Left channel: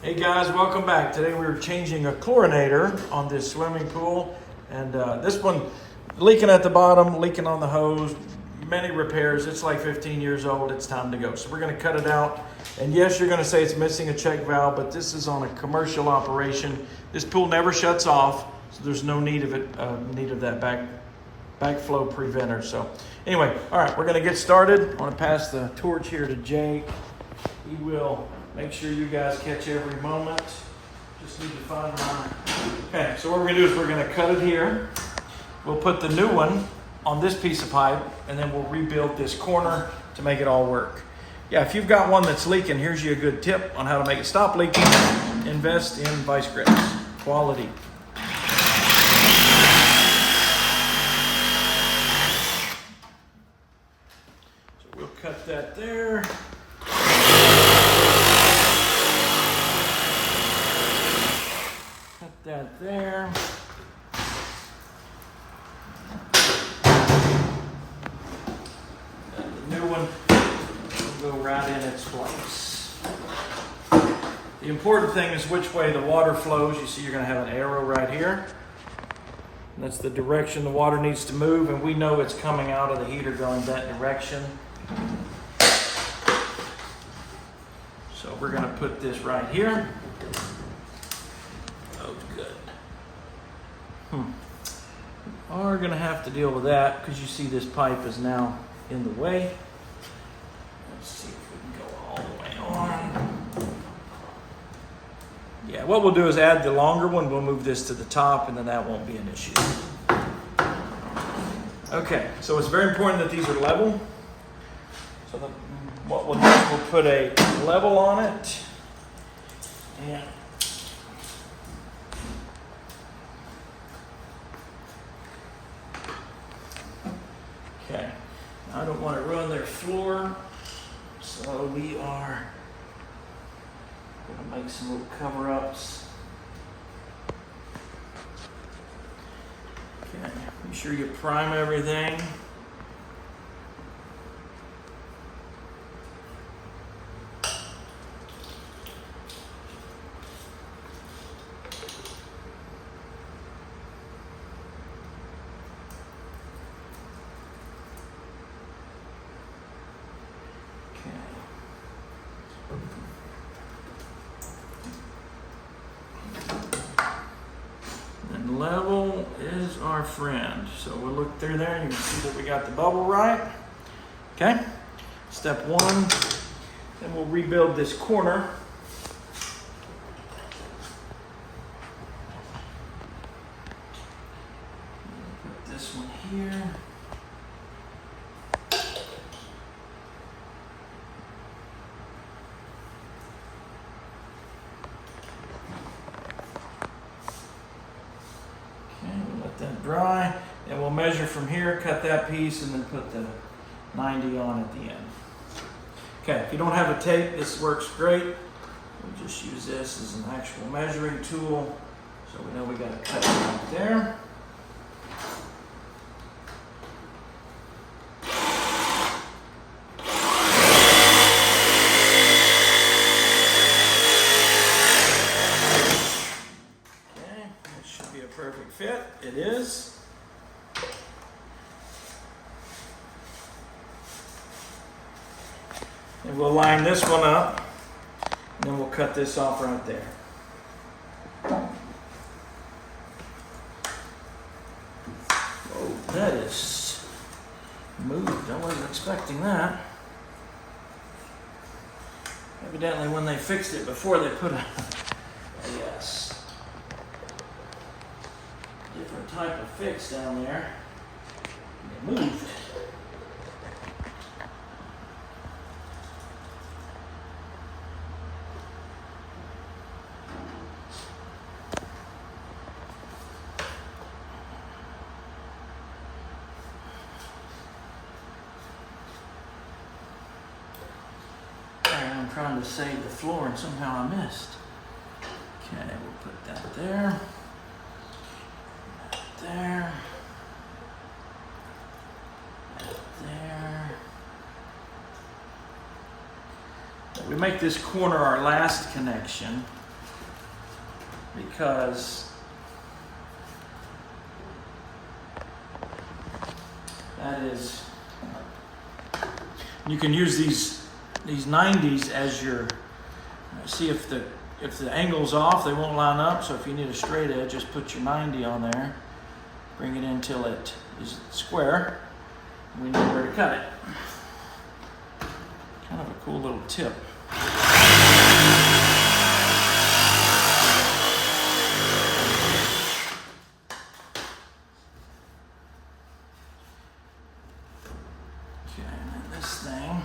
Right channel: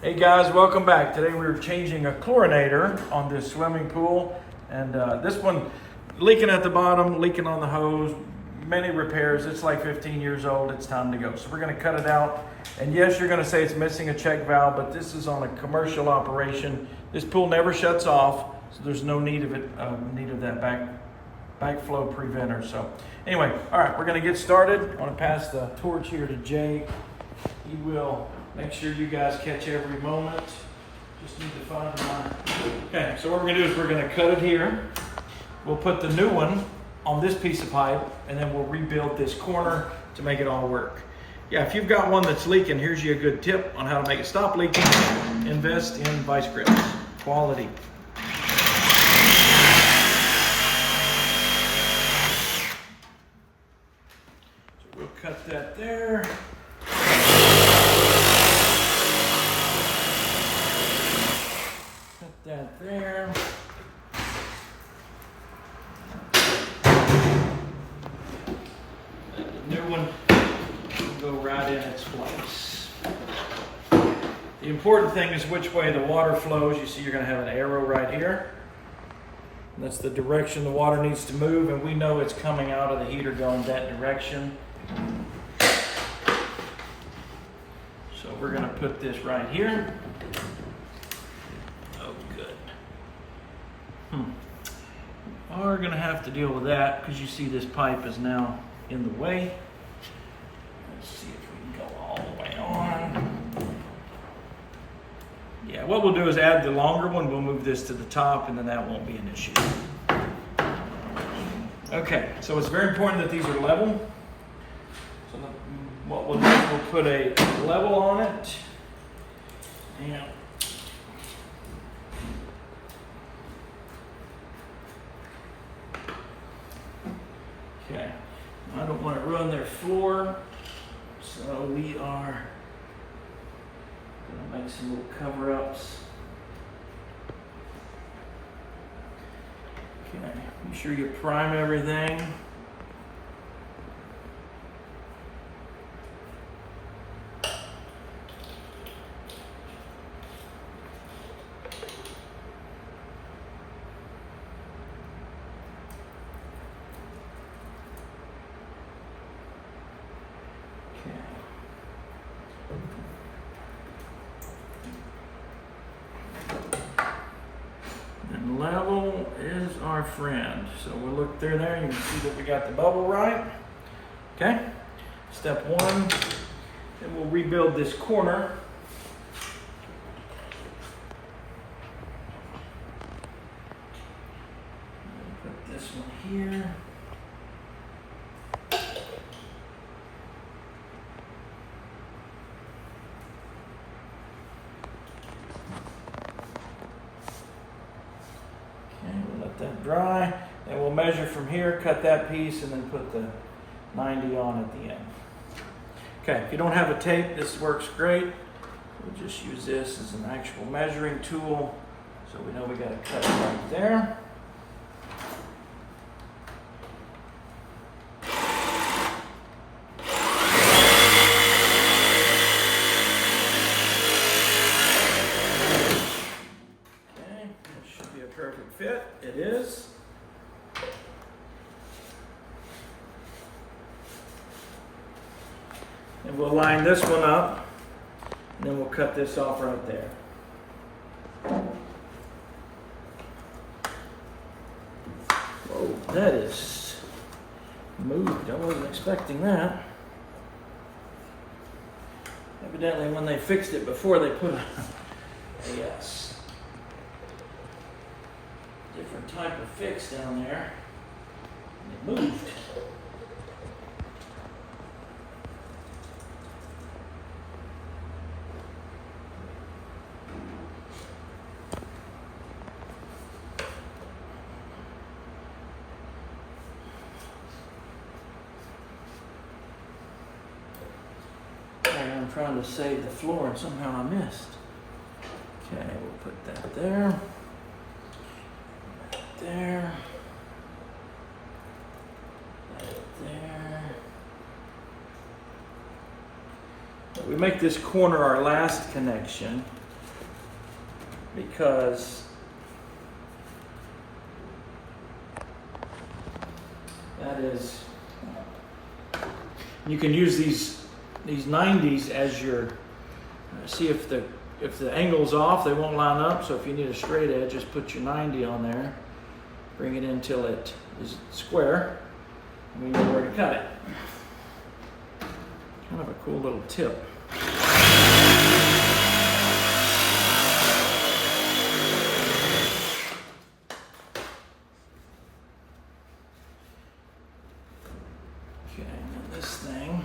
Hey guys, welcome back. Today we're changing a chlorinator on this swimming pool, and this one leaking at the bottom, leaking on the hose, many repairs. It's like 15 years old. It's time to go. So we're going to cut it out. And yes, you're going to say it's missing a check valve, but this is on a commercial operation. This pool never shuts off, so there's no need of it, that backflow preventer. So anyway, all right, we're going to get started. I want to pass the torch here to Jake. He will make sure you guys catch every moment. Just need to find the line. Okay, so what we're gonna do is we're gonna cut it here. We'll put the new one on this piece of pipe, and then we'll rebuild this corner to make it all work. Yeah, if you've got one that's leaking, here's you a good tip on how to make it stop leaking. Invest in vice grips. Quality. So we'll cut that there. That there. And the new one will go right in its place. The important thing is which way the water flows. You see you're going to have an arrow right here. And that's the direction the water needs to move, and we know it's coming out of the heater going that direction. So we're going to put this right here. Oh, good. We are going to have to deal with that because you see this pipe is now in the way. Let's see if we can go all the way on. Yeah, what we'll do is add the longer one. We'll move this to the top, and then that won't be an issue. Okay, so it's very important that these are level. So what we'll do is we'll put a level on it. And okay, I don't want to ruin their floor, so we are going to make some little cover-ups. Okay, be sure you prime everything. And level is our friend. So we'll look through there and you can see that we got the bubble right. Okay, step one, then we'll rebuild this corner. Put this one here. That dry, and we'll measure from here, cut that piece, and then put the 90 on at the end. Okay, if you don't have a tape, this works great. We'll just use this as an actual measuring tool, so we know we got to cut it right there. Perfect fit. It is. And we'll line this one up, and then we'll cut this off right there. Whoa, that is moved. I wasn't expecting that. Evidently, when they fixed it before, they put a different type of fix down there. And it moved. I'm trying to save the floor and somehow I missed. Okay, we'll put that there. There. There. We make this corner our last connection. because that is, you can use these 90s as your, see if the angle's off, they won't line up. So if you need a straight edge, just put your 90 on there, bring it in till it is square, and we know where to cut it. Kind of a cool little tip. Okay, and then this thing.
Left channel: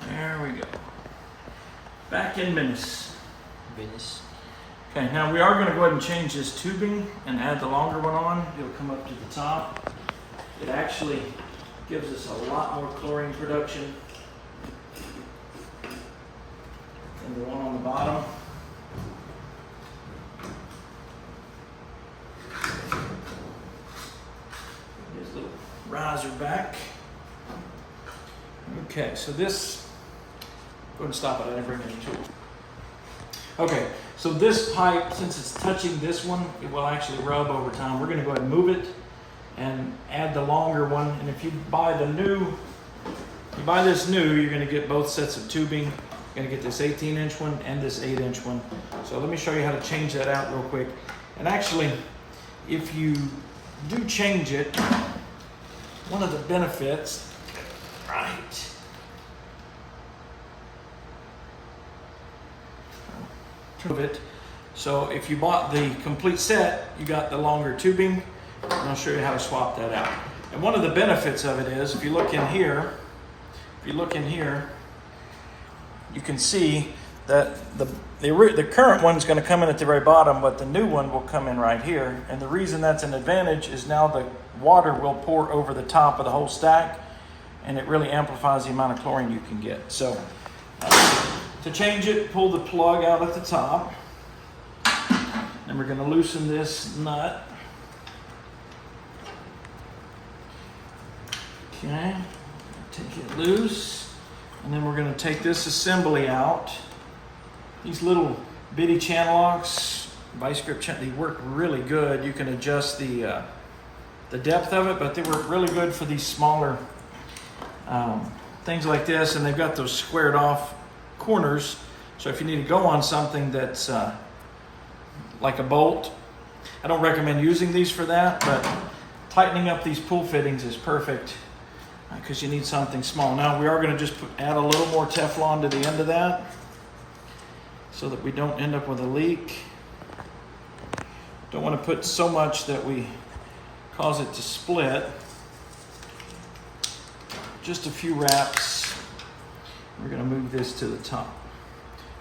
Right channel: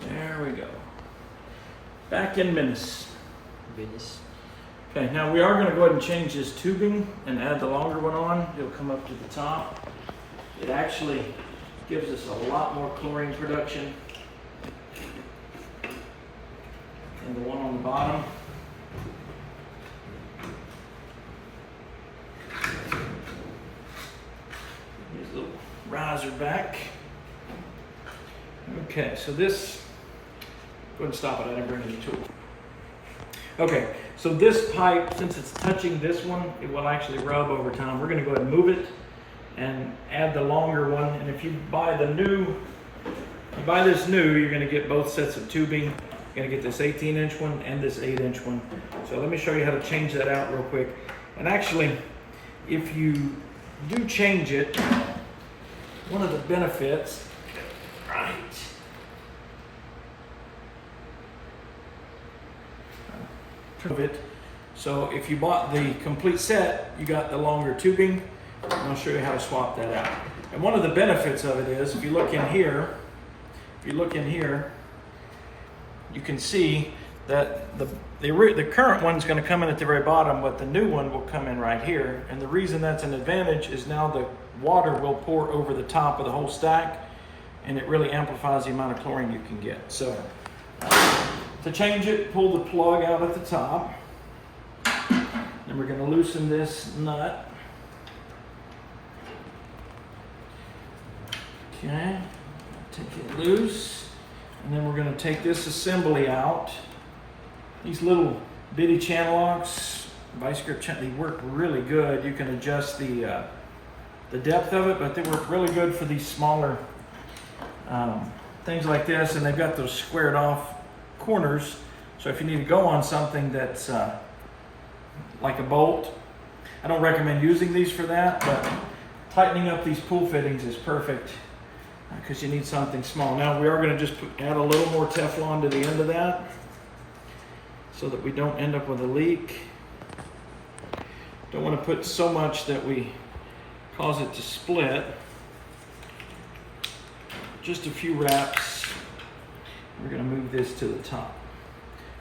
There we go. Back in business. Okay, now we are going to go ahead and change this tubing and add the longer one on. It'll come up to the top. It actually gives us a lot more chlorine production than the one on the bottom. Here's a little riser back. Okay, so this, go ahead and stop it, I didn't bring any tools. Okay, so this pipe, since it's touching this one, it will actually rub over time. We're going to go ahead and move it and add the longer one. And if you buy this new, you're going to get both sets of tubing. You're going to get this 18-inch one and this 8-inch one. So let me show you how to change that out real quick. And actually, if you do change it, one of the benefits, right, of it. So if you bought the complete set, you got the longer tubing, and I'll show you how to swap that out. And one of the benefits of it is, if you look in here, you can see that the current one's going to come in at the very bottom, but the new one will come in right here. And the reason that's an advantage is now the water will pour over the top of the whole stack, and it really amplifies the amount of chlorine you can get. So to change it, pull the plug out at the top. Then we're going to loosen this nut. Okay, take it loose. And then we're going to take this assembly out. These little bitty channel locks, vice grip channel, they work really good. You can adjust the depth of it, but they work really good for these smaller things like this. And they've got those squared off corners, so if you need to go on something that's like a bolt, I don't recommend using these for that, but tightening up these pull fittings is perfect because you need something small. Now we are going to just add a little more Teflon to the end of that so that we don't end up with a leak. Don't want to put so much that we cause it to split. Just a few wraps. We're going to move this to the top.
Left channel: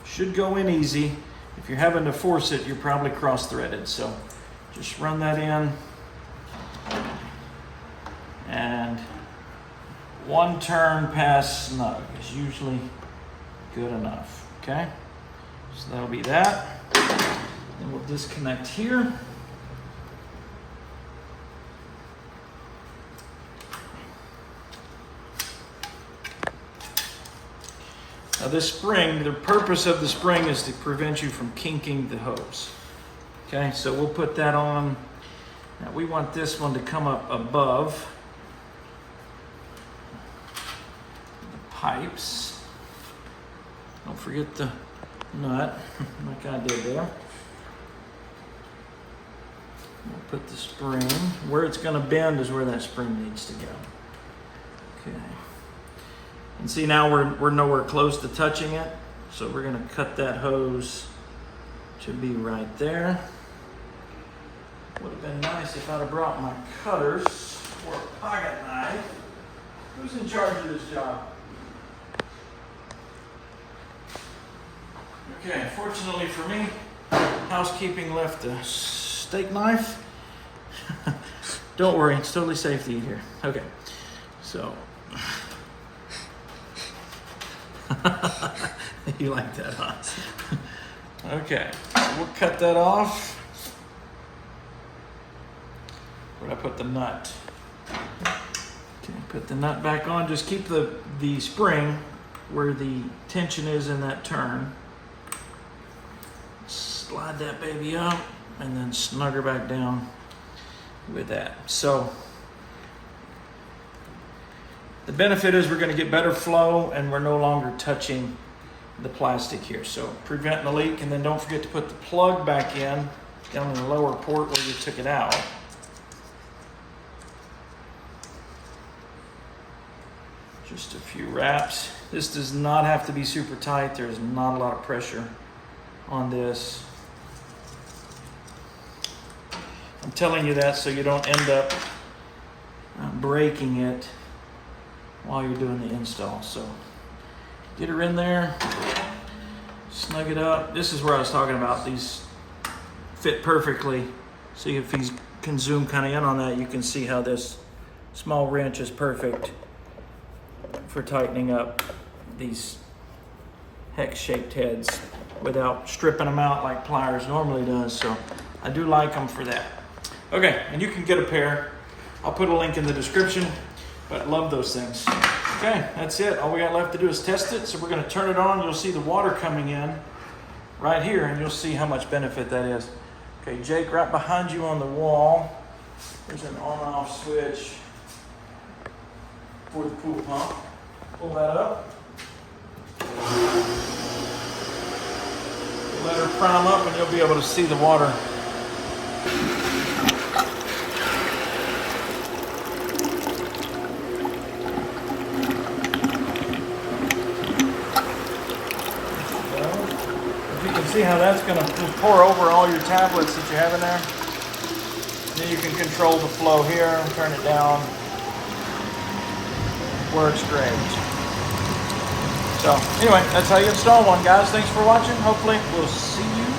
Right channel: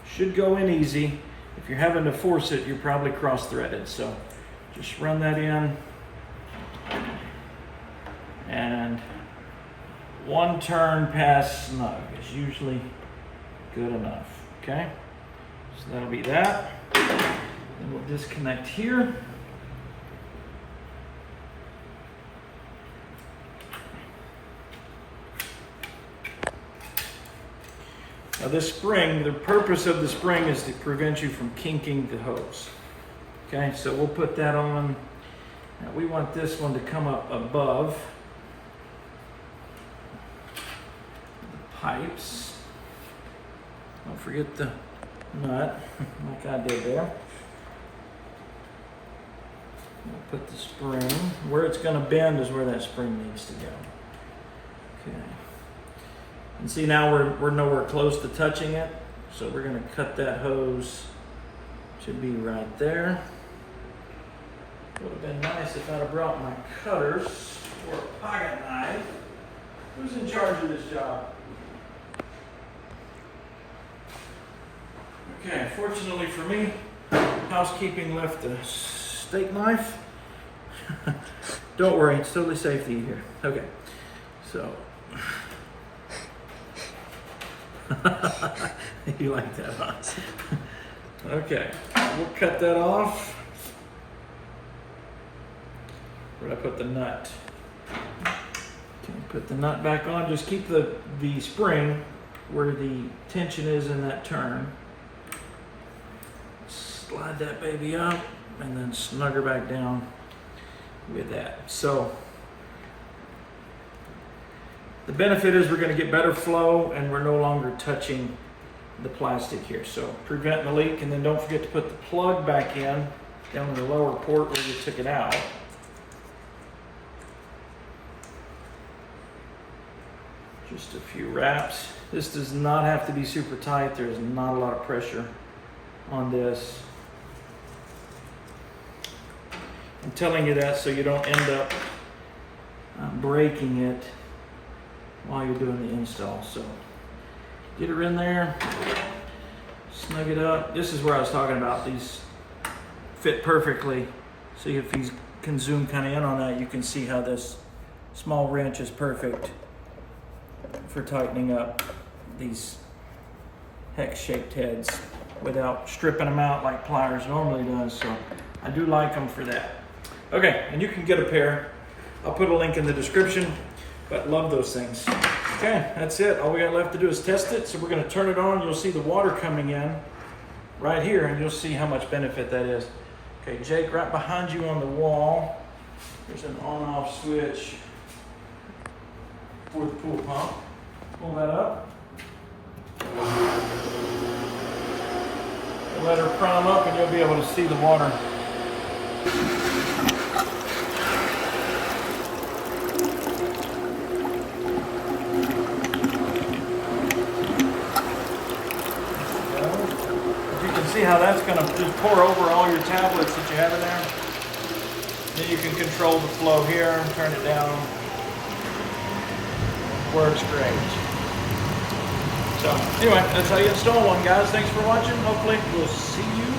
Should go in easy. If you're having to force it, you're probably cross-threaded. So just run that in. And one turn past snug is usually good enough. Okay? So that'll be that. Then we'll disconnect here. Now this spring, the purpose of the spring is to prevent you from kinking the hose. Okay, so we'll put that on. Now we want this one to come up above the pipes. Don't forget the nut, like I did there. We'll put the spring. Where it's going to bend is where that spring needs to go. Okay. And see, now we're nowhere close to touching it, so we're going to cut that hose to be right there. Would have been nice if I'd have brought my cutters or a pocket knife. Who's in charge of this job? Okay, fortunately for me, housekeeping left a steak knife. Don't worry, it's totally safe to eat here. Okay, so. You like that, huh? Okay, we'll cut that off. Where'd I put the nut? Okay, put the nut back on. Just keep the spring where the tension is in that turn. Slide that baby up and then snug her back down with that. So the benefit is we're going to get better flow and we're no longer touching the plastic here. So preventing the leak, and then don't forget to put the plug back in down in the lower port where you took it out. Just a few wraps. This does not have to be super tight. There's not a lot of pressure on this. I'm telling you that so you don't end up breaking it while you're doing the install. So get her in there, snug it up. This is where I was talking about. These fit perfectly. So if you can zoom kind of in on that, you can see how this small wrench is perfect for tightening up these hex-shaped heads without stripping them out like pliers normally does. So I do like them for that. Okay, and you can get a pair. I'll put a link in the description, but love those things. Okay, that's it. All we got left to do is test it. So we're going to turn it on. You'll see the water coming in right here, and you'll see how much benefit that is. Okay, Jake, right behind you on the wall, there's an on-off switch for the pool pump. Pull that up. Let her prime up, and you'll be able to see the water. See how that's going to just pour over all your tablets that you have in there. Then you can control the flow here, turn it down. Works great. So anyway, that's how you install one, guys. Thanks for watching. Hopefully we'll see you